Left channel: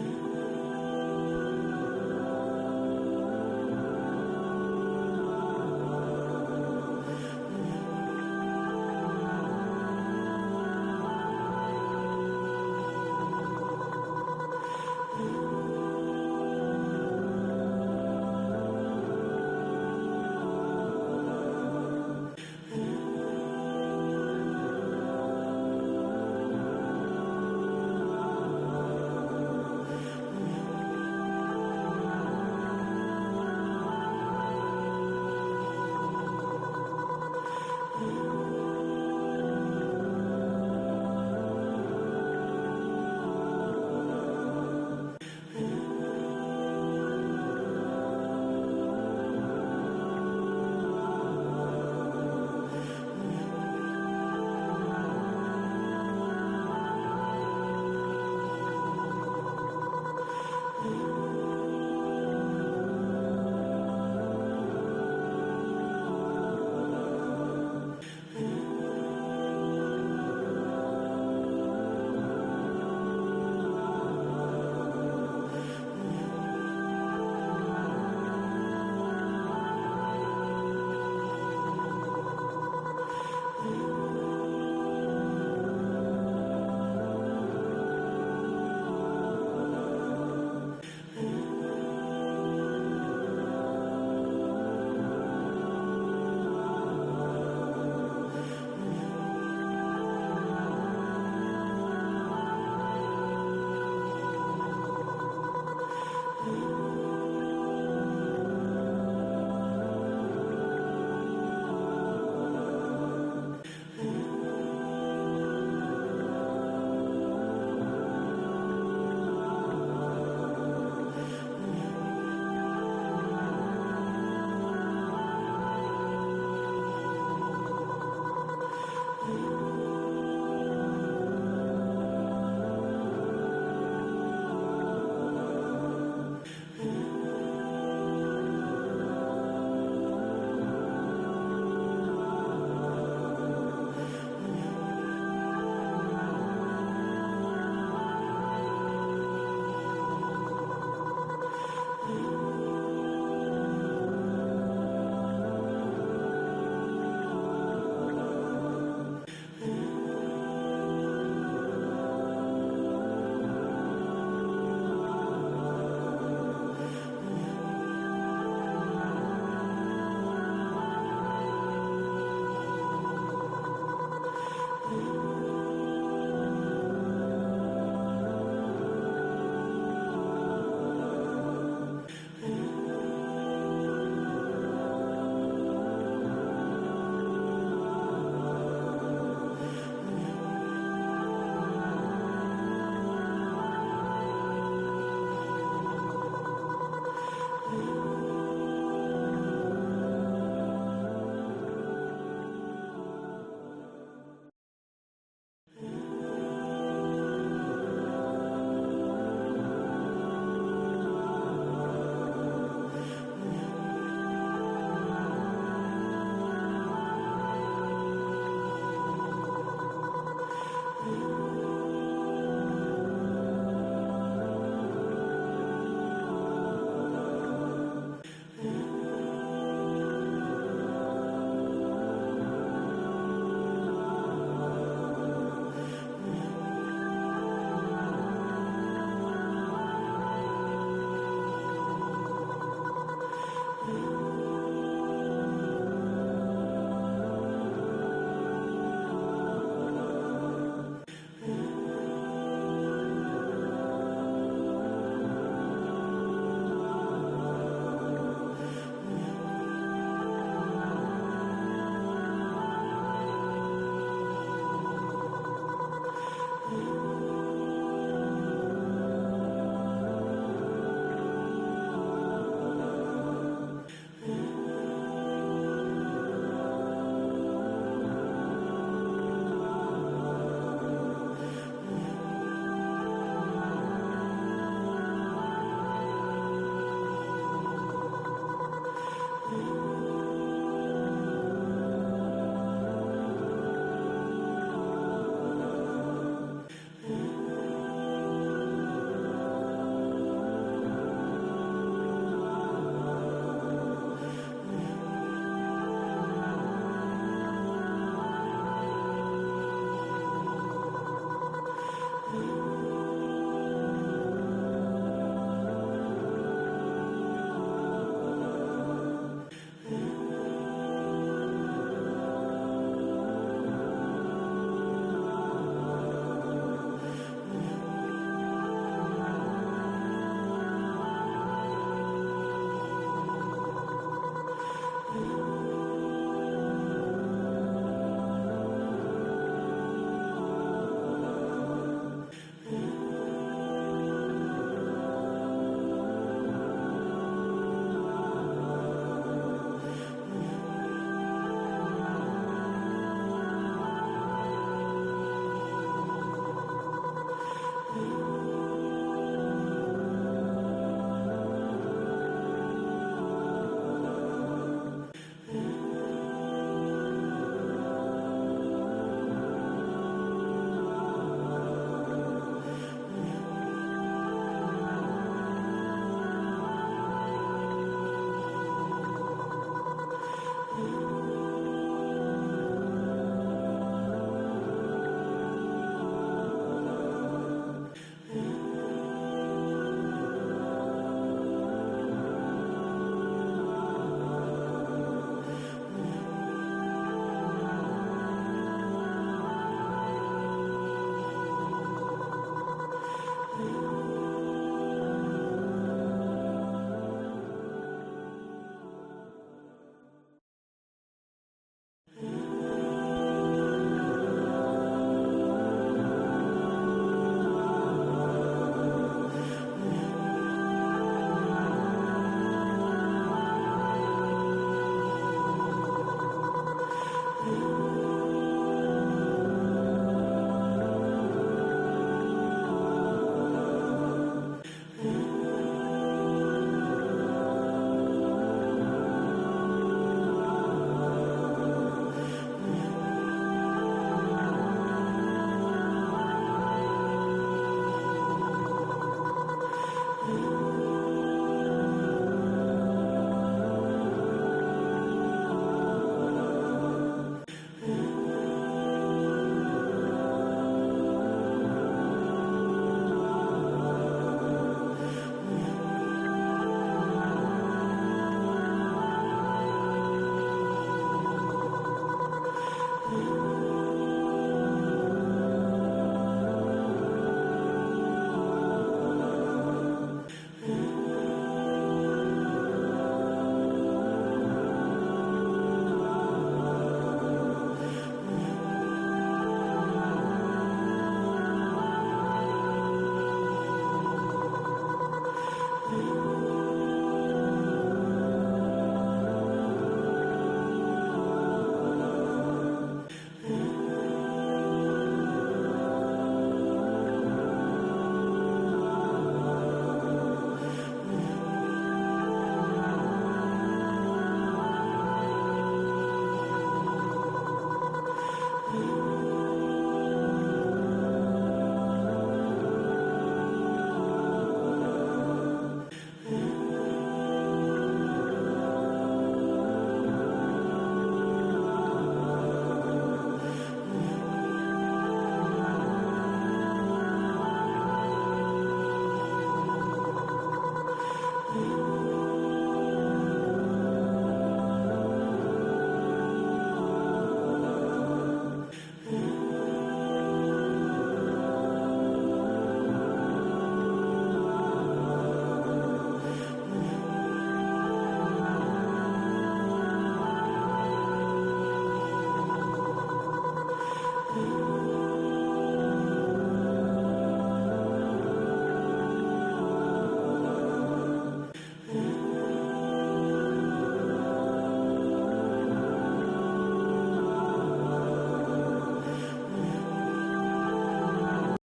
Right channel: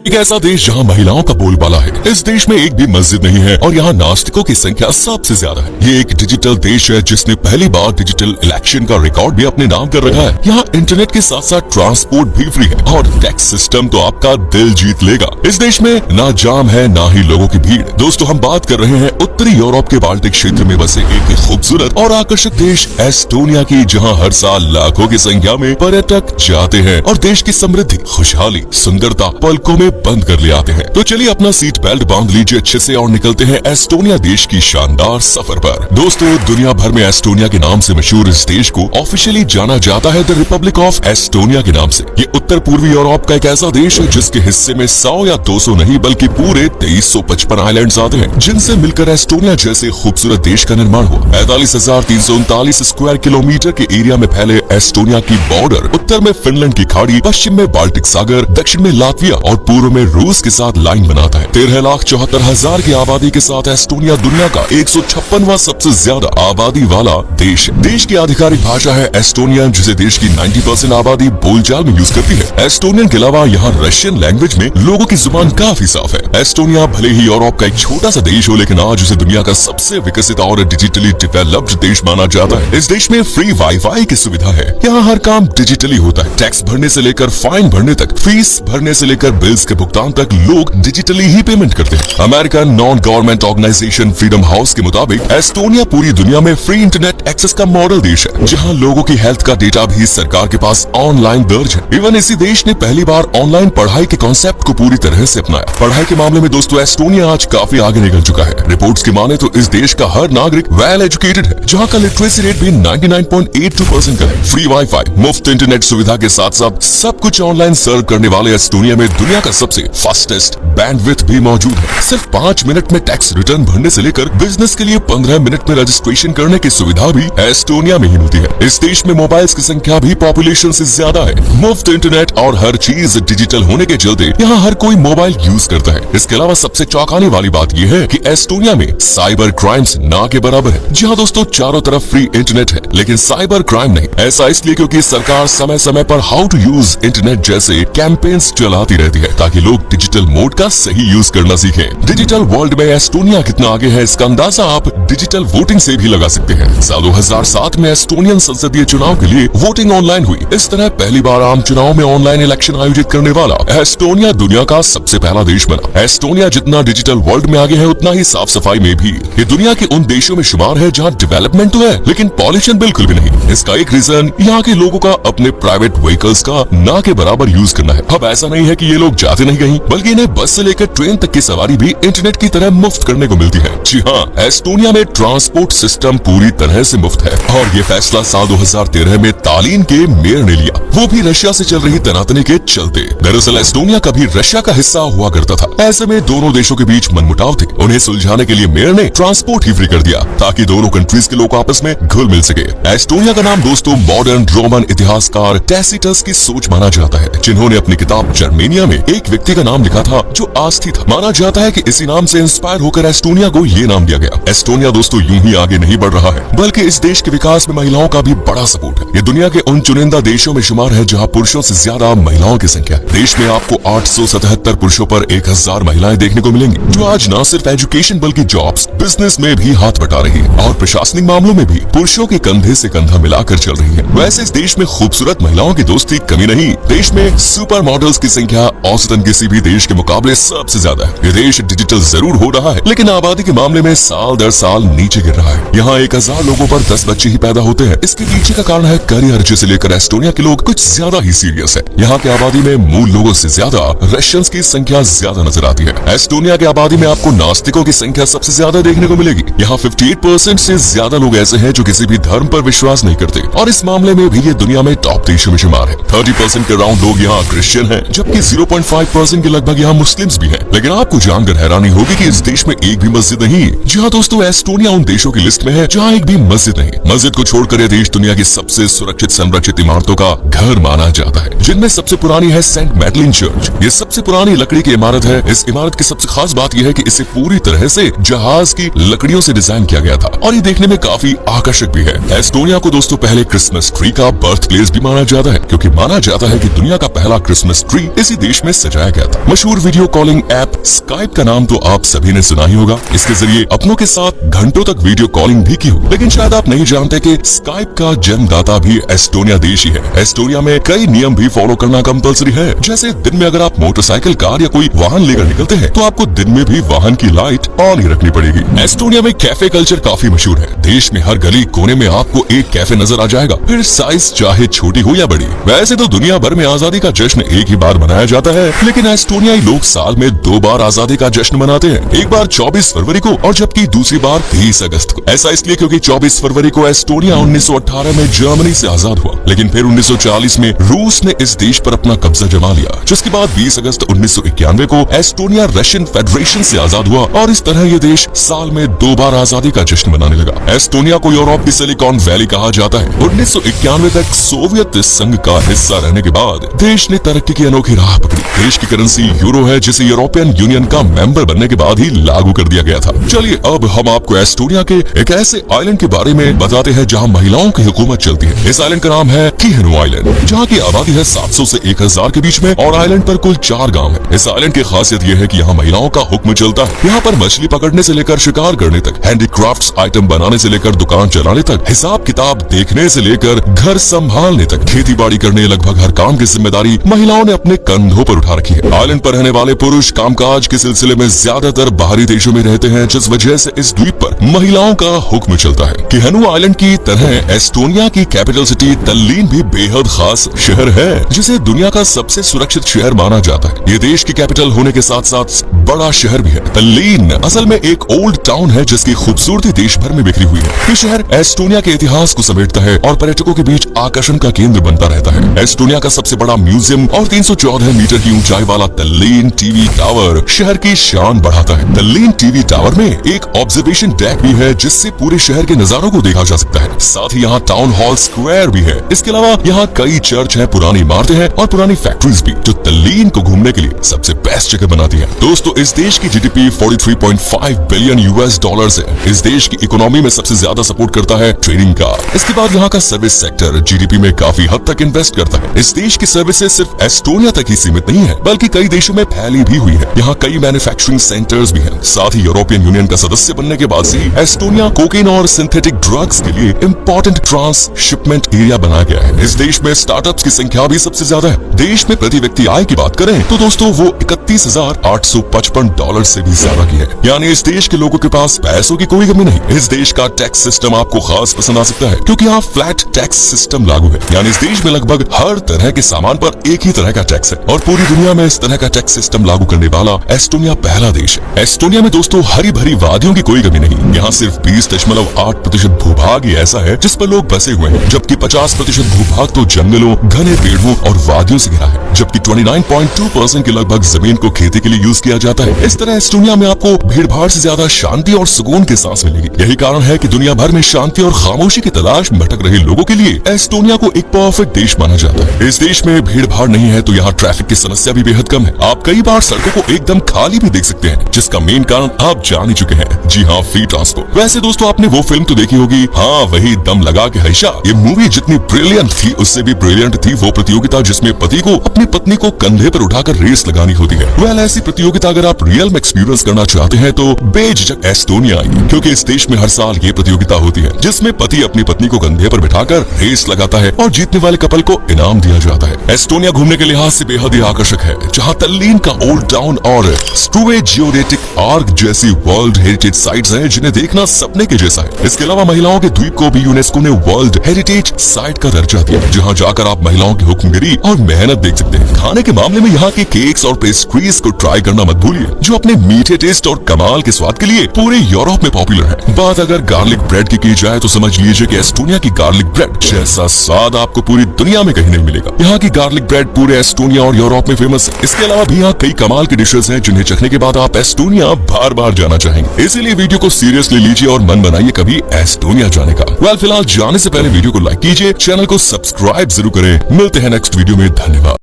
एक ऐसा देश जहां महिलाओं का बोलबाला है। इस देश में एक भी मस्जिद नहीं है और यहाँ नास्तिकों की संख्या सबसे ज्यादा है। ये एक डिजिटल देश है जिसने पहली बार डिजिटल इलेक्शन का रिकॉर्ड भी अपने नाम कर रखा है। यहाँ इंटरनेट के साथ साथ ट्रांसपोर्ट भी फ्री है और टैक्स सिस्टम तो आपका दिल जीत लेगा। इस देश में ना जाम है ना ही लोगों की भीड़। दोस्तों, हम बात कर रहे हैं उत्तरी यूरोप के बाल्टिक क्षेत्र में बसे एक खूबसूरत और आकर्षक देश एस्टोनिया की, जहाँ हर साल लाखों की संख्या में पर्यटक जाते हैं और देश की समृद्धि, खुशहाली, सुंदरता पलकों में बंद कर ले आते हैं। तो चलिए अपना सीट बेल्ट बांध लीजिए अच्छे से और निकलते हैं एस्टोनिया देश की शानदार सफर पर। दोस्तों, दुनिया भर में एस्टोनिया के नाम से मशहूर इस देश को ऑफिशियली जाना जाता है द रिपब्लिक ऑफ एस्टोनिया के नाम से। ये उत्तर पूर्वी यूरोप का एक ऐसा देश है जिसके हिस्से में 100 या 200 नहीं बल्कि पूरे 2355 आइलैंड्स आते हैं, जिनसे मिलकर एस्टोनिया जैसे खूबसूरत देश का निर्माण हुआ। 45,339 स्क्वायर किलोमीटर के एरिया में फैले एस्टोनिया की बॉर्डर उत्तर में फिनलैंड की खाड़ी, पश्चिम में बाल्टिक सागर, दक्षिण में लातविया और पूर्व में रूस के साथ लाइन बनाता है। 13,74,000 की आबादी के साथ एस्टोनिया दुनिया का 156वां सबसे ज्यादा आबादी वाला देश है। देश की आधिकारिक भाषा है एस्टोनियन, जिसे देश की 90% आबादी बोलचाल में यूज करती है। एस्टोनियन के अलावा यहाँ रशियन लैंग्वेज में लोगों की जुबान काफी साफ है। एस्टोनिया भले ही यूरोप का एक छोटा सा देश हो, लेकिन आज उसे दुनिया का सबसे विकसित और डिजिटली डेवलप्ड देश माना जाता है। इस देश में फ्री वाईफाई की सुविधा है। यहाँ हर काम डिजिटली होता है। टैक्स भरने से लेकर फाइन भरने तक, फीस भरने से लेकर बिल्स के भुगतान तक लोग डिजिटली ही पेमेंट करते हैं। American non government organisation Freedom House के मुताबिक एस्टोनिया पूरी दुनिया में फ्री इंटरनेट एक्सेस का मॉडल देश है, जहां लोगों की हेल्थ का डेटा भी सरकार के पास ऑनलाइन दर्ज है। इवन इसी देश ने पहली बार ऑनलाइन पढ़ाई के कॉन्सेप्ट को पूरी तरह से अपनाया। पढ़ाई के मामले में दोस्तों एस्टोनिया आज काफी आगे निकल चुका है। रिपोर्ट्स की माने तो इस देश का हर नागरिक वेल एजुकेटेड है, जहाँ का लिटरेसी रेट भी 99.82% का है। फ्री वाईफाई, मुफ्त इंटरनेट सुविधा के साथ साथ सब कुछ ऑनलाइन सर्व करने वाले एस्टोनिया में दुनिया का सबसे फास्टेस्ट बैंडविड्थ भी मौजूद है। सिर्फ 5 मिनट में टैक्स रिटर्न भरने से लेकर बिजनेस के लिए 15 मिनट में रजिस्ट्रेशन करने की सुविधा भी एस्टोनिया में ही मिलती है। इस देश में मोबाइल्स की संख्या भी पॉपुलेशन से ज्यादा है। मुफ्त इंटरनेट और हर चीज डिजिटल होने के चलते यहाँ हर कोई मोबाइल यूज करता है। इसके अलावा सबसे चौंकाने वाली बात यह है कि एस्टोनिया में साइबर क्राइम्स ना के बराबर है। जी हाँ दोस्तों, चारों तरफ फ्री इंटरनेट है, लेकिन साइबर क्राइम नहीं। ऐसा इसलिए क्योंकि सरकार समय समय पर हाउ टू यूज इंटरनेट जैसे कैंपेन्स चलाती रहती है, ताकि लोग डिजिटल मोड का सही यूज करना सीखें। डिजिटल वर्ल्ड में एस्टोनिया कितना आगे है, इसका अंदाजा आप डिजिटल वोटिंग से भी लगा सकते हैं। साल 2007 में एस्टोनियन संसदीय चुनाव के लिए वोटिंग ऑनलाइन हुई। इस तरह पहली बार आम चुनाव में ऑनलाइन इलेक्शन आयोजित करने वाला एस्टोनिया दुनिया का सबसे पहला देश बना। एस्टोनिया जितना डिजिटल वर्ल्ड में आगे है, उतना ही साफ सफाई में भी ये दुनिया के उन देशों में शुमार है जहाँ डेवलपमेंट तो है, लेकिन पॉल्यूशन बिल्कुल भी नहीं। इसका एक रीजन यहाँ के लोगों का अपने प्राइवेट व्हीकल्स का ना के बराबर यूज करना है। अब ऐसा नहीं है कि ये लोग जाते नहीं कहीं, बल्कि इन्हें बस से लेकर ट्रेन तक की सवारी भी इंटरनेट की तरह मुफ्त करने को मिलती है। जी हाँ, एस्टोनिया में ट्रांसपोर्ट सिस्टम पूरी तरह से मुफ्त है और ये फैसला साल 2013 में तालिन के मेयर ने लिया, वो भी रशिया से चल रही तनातनी के चलते। दरअसल एस्टोनिया कभी रशिया का हिस्सा हुआ करता था। ऐसे में दोनों देशों के बीच मनमुटाव थे। उन्हें सुलझाने के लिए मेयर ने ट्रांसपोर्ट ही फ्री कर दिया, ताकि दोनों कंट्रीज के लोग आपस में घुल मिल सके। एस्टोनिया का नाम दोस्तों मॉडर्न रोमन इतिहासकार टैसिटस की सोच माना जाता है, जिन्होंने अपनी किताब जर्मेनिया में एक व्यक्ति का नाम लिखा था जो आस्थी था। माना जाता है कि इसी नाम से इंस्पायर होकर एस्टोनिया को ये नाम दिया गया। एस्टोनिया दोस्तों यूं ही आगे नहीं बढ़ रहा है, बल्कि इस देश के विकास में महिलाओं का भी बड़ा सपोर्ट है। ये दुनिया के उन चुनिंदा देशों में शुमार है जहाँ पुरुषों से ज्यादा महिलाओं की संख्या। देश में आपको 877 पुरुषों पर 1000 महिलाएं देखने को मिलेंगी, जो आज न सिर्फ एजुकेशन बल्कि जॉब्स, बिजनेस में भी हाथ बटा रही है और प्रशासनिक मामलों में भी पुरुषों के कंधे से कंधा मिलाकर चल रही है। वैसे इस देश में खूबसूरत महिलाओं की दोस्ती कमी नहीं। देश में सुपर मॉडल्स की संख्या औसतन किसी भी देश के मुकाबले सबसे ज्यादा है। ये देश डिजिटल जरूर हो रहा है, लेकिन आबादी के मामले में साल दर साल नीचे गिर रहा है। यहाँ 1000 लोगों पर 10 बच्चे ही पैदा होते हैं। इसके पीछे का कारण है करियर, जिसे लेकर एस्टोनिया के लोग कुछ ज्यादा ही सीरियस है। यहाँ की आबादी में मूल लोगों से ज्यादा रशियंस की संख्या ज्यादा नजर आती है। एस्टोनिया की आबादी में आपको नास्तिकों की संख्या सबसे ज्यादा देखने को मिलेगी। यहाँ 58% से ज्यादा लोग ऐसे हैं जो किसी भी धर्म पर विश्वास नहीं करते, और इस मामले में भी ये दुनिया में टॉप देशों में शुमार है। 30% के राउंड लोग यहाँ क्रिश्चियन हैं, जबकि 0.5% के लगभग यहाँ मुस्लिम्स भी हैं। लेकिन आपको जानकर हैरानी होगी कि इस देश में एक भी मस्जिद नहीं है। जी हाँ दोस्तों, एस्टोनिया उन देशों की लिस्ट में है जहाँ एक भी मस्जिद नहीं। मस्जिद को छोड़कर यह देश दुनिया की सबसे सुरक्षित संरक्षित इमारतों का घर माना जाता है। जिनमें सबसे पुरानी है सेंट मैडलिन चर्च। ये सबसे पुरानी लकड़ी की इमारत है। इस इमारत की सबसे खास बात यह है कि इसे पूरी तरह से जहाज की लकड़ियों से डिजाइन किया गया था और ये देखने में काफी आकर्षक भी है। एस्टोनिया को दोस्तों पहले क्रिसमस ट्री का बर्थ प्लेस भी माना जाता है, क्योंकि माना जाता है कि दुनिया का पहला क्रिसमस ट्री इसी देश में सजाया गया था। मशहूर वीडियो कॉलिंग ऐप स्काइप का नाम तो आप सभी ने सुना ही होगा। इसके जरिए अपनों के साथ घंटों तक वीडियो कॉलिंग भी की हो, लेकिन शायद आप नहीं जानते कि स्काइप का जन्मदाता भी एस्टोनिया देश ही है। एस्टोनिया में कई नियम भी फॉलो करना कंपल्सरी है, जैसे दिन में अगर आप मोटरसाइकिल, कार या कोई वाहन लेकर निकलते हैं तो आपको दिन में भी वाहन की लाइट ऑन ही रखनी पड़ेगी। एस्टोनिया में कैफे कल्चर काफी मशहूर है। देश में हर गली कोने में आपको एक कैफे नजर आ जाएगा, फिर साइज चाहे छोटी हो या बड़ी। वैसे तो दुनिया भर में आजादी का जश्न एक ही बार मनाया जाता है, लेकिन एस्टोनियाई लोग साल में 2 बार आजादी का जश्न मनाते हैं। एक बार 24 फरवरी को और जबकि दूसरी बार 30 अगस्त को। ऐसा इसलिए क्योंकि 24 फरवरी को एस्टोनिया 1918 में जर्मनी से आजाद हुआ, लेकिन फिर 1940 में रूस ने इस देश पर अपना कब्जा जमा लिया, जिसके बाद 20 अगस्त 1991 को एस्टोनिया रशियन फेडरेशन से आजाद हुआ और इस तरह ये देश साल में 2 बार आजादी का जश्न मनाने लगा। एस्टोनिया को यूरोप की सिलिकॉन वैली कहा जाता है। 1991 तक सोवियत संघ का हिस्सा रहने के बाद देश ने तरक्की की अनोखी राह पकड़ी। देश की करेंसी यूरो है, जिसे यूरोपियन यूनियन का मेंबर बनने के बाद ही लागू कर दिया गया था। चलिए अब हम आपको एस्टोनिया के एक ऐसे आइलैंड के बारे में बताते हैं जहां महिलाओं की हुकूमत चलती है। इस आइलैंड का नाम है किहेनु आइलैंड, जहां की आबादी है 700 से 1000 के बीच में और आइलैंड पर कुल 4 गांव है। इस आइलैंड की खासियत यह है कि यहाँ महिलाओं का हुक्म चलता है। यहाँ पर मछली पकड़ने से लेकर शिकार करने तक, हैंडीक्राफ्ट्स आइटम बनाने से लेकर दुकान चलाने तक, हिसाब किताब देखने से लेकर घर संभालने तक, खेती बाड़ी करने लगभग हर काम की जिम्मेदारी महिलाओं ने अपने कंधों पर उठा रखी है। आइलैंड पर रहने वाले पुरुष कामकाज के सिलसिले में ज्यादातर बाहरी देशों में रहते हैं, जिस वजह से इस द्वीप पर महिलाओं का हुक्म चलता है। किहेनु आइलैंड की तरह एस्टोनिया की कैपिटल सिटी तल्लीन भी बेहद खास शहर है, जिसे दुनिया का सबसे सुरक्षित शहर माना जाता है। ये देश की कैपिटल होने के साथ साथ बड़ा शहर भी है। तल्लीन असल में एक ओल्ड टाउन है, जिसकी खूबसूरती देश भर में बिखरी हुई है। ये शहर एस्टोनिया के इतिहास को समेटता है और पर्यटकों के बीच आकर्षण का केंद्र बनता रहता है। एस्टोनिया का सबसे बड़ा म्यूजियम और 314 मीटर की ऊंचाई वाला तल्लीन टीवी टावर शहर की शान बढ़ाता है। तल्लीन टीवी टावर में एक ऑब्जर्वेशन डेक भी है, जिससे पूरे शहर के नजारों को देखा जा सकता है। साथ ही यहाँ टाउन हॉल स्क्वायर भी है। इसके अलावा यहाँ कई चर्च हैं, पुरानी इमारतें हैं और पुरानी फैक्ट्रीज भी, जो तल्लीन को घूमने के लिए सबसे बेस्ट जगह बनाती है। दोस्तों, इस देश की जीडीपी 43.5 बिलियन यूएस डॉलर्स है। इस देश की इकोनॉमी में सबसे ज्यादा सपोर्ट करता है ट्रेडिंग का। इसके बाद यहाँ का सर्विस सेक्टर जीडीपी में काफी हद तक इन्वेस्ट करता है। इस देश की सर्विसेज सिर्फ एस्टोनिया तक ही सीमित नहीं है, बल्कि कई देशों में फैली भी हुई है। यहाँ कई मैन्युफैक्चरिंग सेंटर्स भी हैं। साथ ही यूरोपियन यूनियन का सदस्य बनने के बाद से एस्टोनिया कोकेन और सिंथेटिक ड्रग्स के लिए इम्पोर्टेंट ट्रांसशिपमेंट एरिया बनाया गया है। इस देश में स्टार्टअप्स की संख्या भी सबसे ज्यादा है। देश में प्रति व्यक्ति आय की बात करें तो दोस्तों वो 31,855 डॉलर से भी ज्यादा की है। यानी इस देश के लोगों के पास पैसों की कोई कमी नहीं। इस देश का टैक्स सिस्टम आपको खास पसंद आ सकता है, क्योंकि यहाँ फ्लैट टैक्स सिस्टम लागू है। यानी इस देश में लगभग हर तरह के सामान पर एक ही तरह का टैक्स है और पूरी दुनिया में इस तरह का टैक्स सिस्टम लागू करने वाला एस्टोनिया पहला देश है। एस्टोनिया में दोस्तों हरी भरी वादियों की कोई कमी नहीं। यहाँ सिर्फ 20.8% भूभाग ही ऐसा है जिस पर लोग बसे हुए हैं, जबकि 50% भूभाग तो जंगलों, घने पेड़ों और वादियों से घिरा है, जबकि 29.2% के लगभग जमीन को खेती के लिए यूज किया जाता है। इस तरह एस्टोनिया में आपको भीड़ भाड़ से ज्यादा शांति और सुकून के सांस मिलेगी। यही कारण है कि दुनिया भर में शांति और खामोशी की तलाश में भटक रहे लोगों के लिए एस्टोनिया को एक परफेक्ट देश माना जाता है। इस देश में भीड़ भाड़ नहीं है तो यहाँ ट्रैफिक की समस्या भी बेहद कम है। आप कई बार सड़कों को एकदम खाली भी देख सकते हैं, जिसका मेन कारण आप जान ही चुके हैं। जी हाँ, फ्री ट्रांसपोर्ट। वैसे दोस्तों आपने वो फिल्म तो देखी होगी, हाँ वही दम लगा के हईशा। ये मूवी जितनी ब्रिलियंट थी उससे भी ब्रिलियंट थी वो प्रतियोगिता जिसमें पति को अपनी पत्नी को कंधे पर उठाकर रेस लगानी होती है। वेल ऐसी प्रतियोगिता अगर आप रियल में एक्सपीरियंस करना चाहते हैं तो बेझिझक एस्टोनिया आइए, क्योंकि इस देश में हर साल ये प्रतियोगिता होती है जिसमें पति अपनी पत्नी को कंधे पर बिठाकर रेस लगाता है और जीतने वाले कपल को इनाम दिया जाता है। एस्टोनिया घूमने के लिहाज से बेहद ही आकर्षक है, जहाँ तल्लीन का ओल्ड टाउन और स्ट्रूवे जियोडेटिक आर्क जैसी वर्ल्ड हेरिटेज साइट्स हैं जिन्हें देखना सपने के जैसा है। इसके अलावा महिलाओं के द्वीप को भी यूनेस्को ने वर्ल्ड हेरिटेज साइट का दर्जा दिया, जहाँ जाकर आप महिलाओं की हुक्मगिरी और मेहनत देख सकते हैं। खाने के मामले में यहाँ के केक्स और पेस्ट्रीज को ट्राई करना मत भूलिए, जो अपने मीठे टेस्ट और कमाल के स्वाद के लिए पूरे यूरोप में पॉपुलर है। बात अगर गार्लिक ब्रेड की जाए तो समझ लीजिए कि एस्टोनिया की गार्लिक ब्रेड जैसा स्वाद आपको पूरी दुनिया में कहीं नहीं मिलेगा। यहाँ की गार्लिक ब्रेड पूरे एस्टोनिया और यूरोप में फेमस है। इसके अलावा भी यहाँ कई कमाल की डिशेस हैं जिन्हें चखने के बाद आप एस्टोनिया बार बार जाना चाहेंगे। इसीलिए वीडियो को सीरियसली लीजिए और मन बनाइए कभी एस्टोनिया जाने का। वेल फिलहाल जाने से पहले वीडियो को लाइक कीजिए, चैनल को सब्सक्राइब जरूर करें। मिलते हैं नेक्स्ट वीडियो में, धन्यवाद।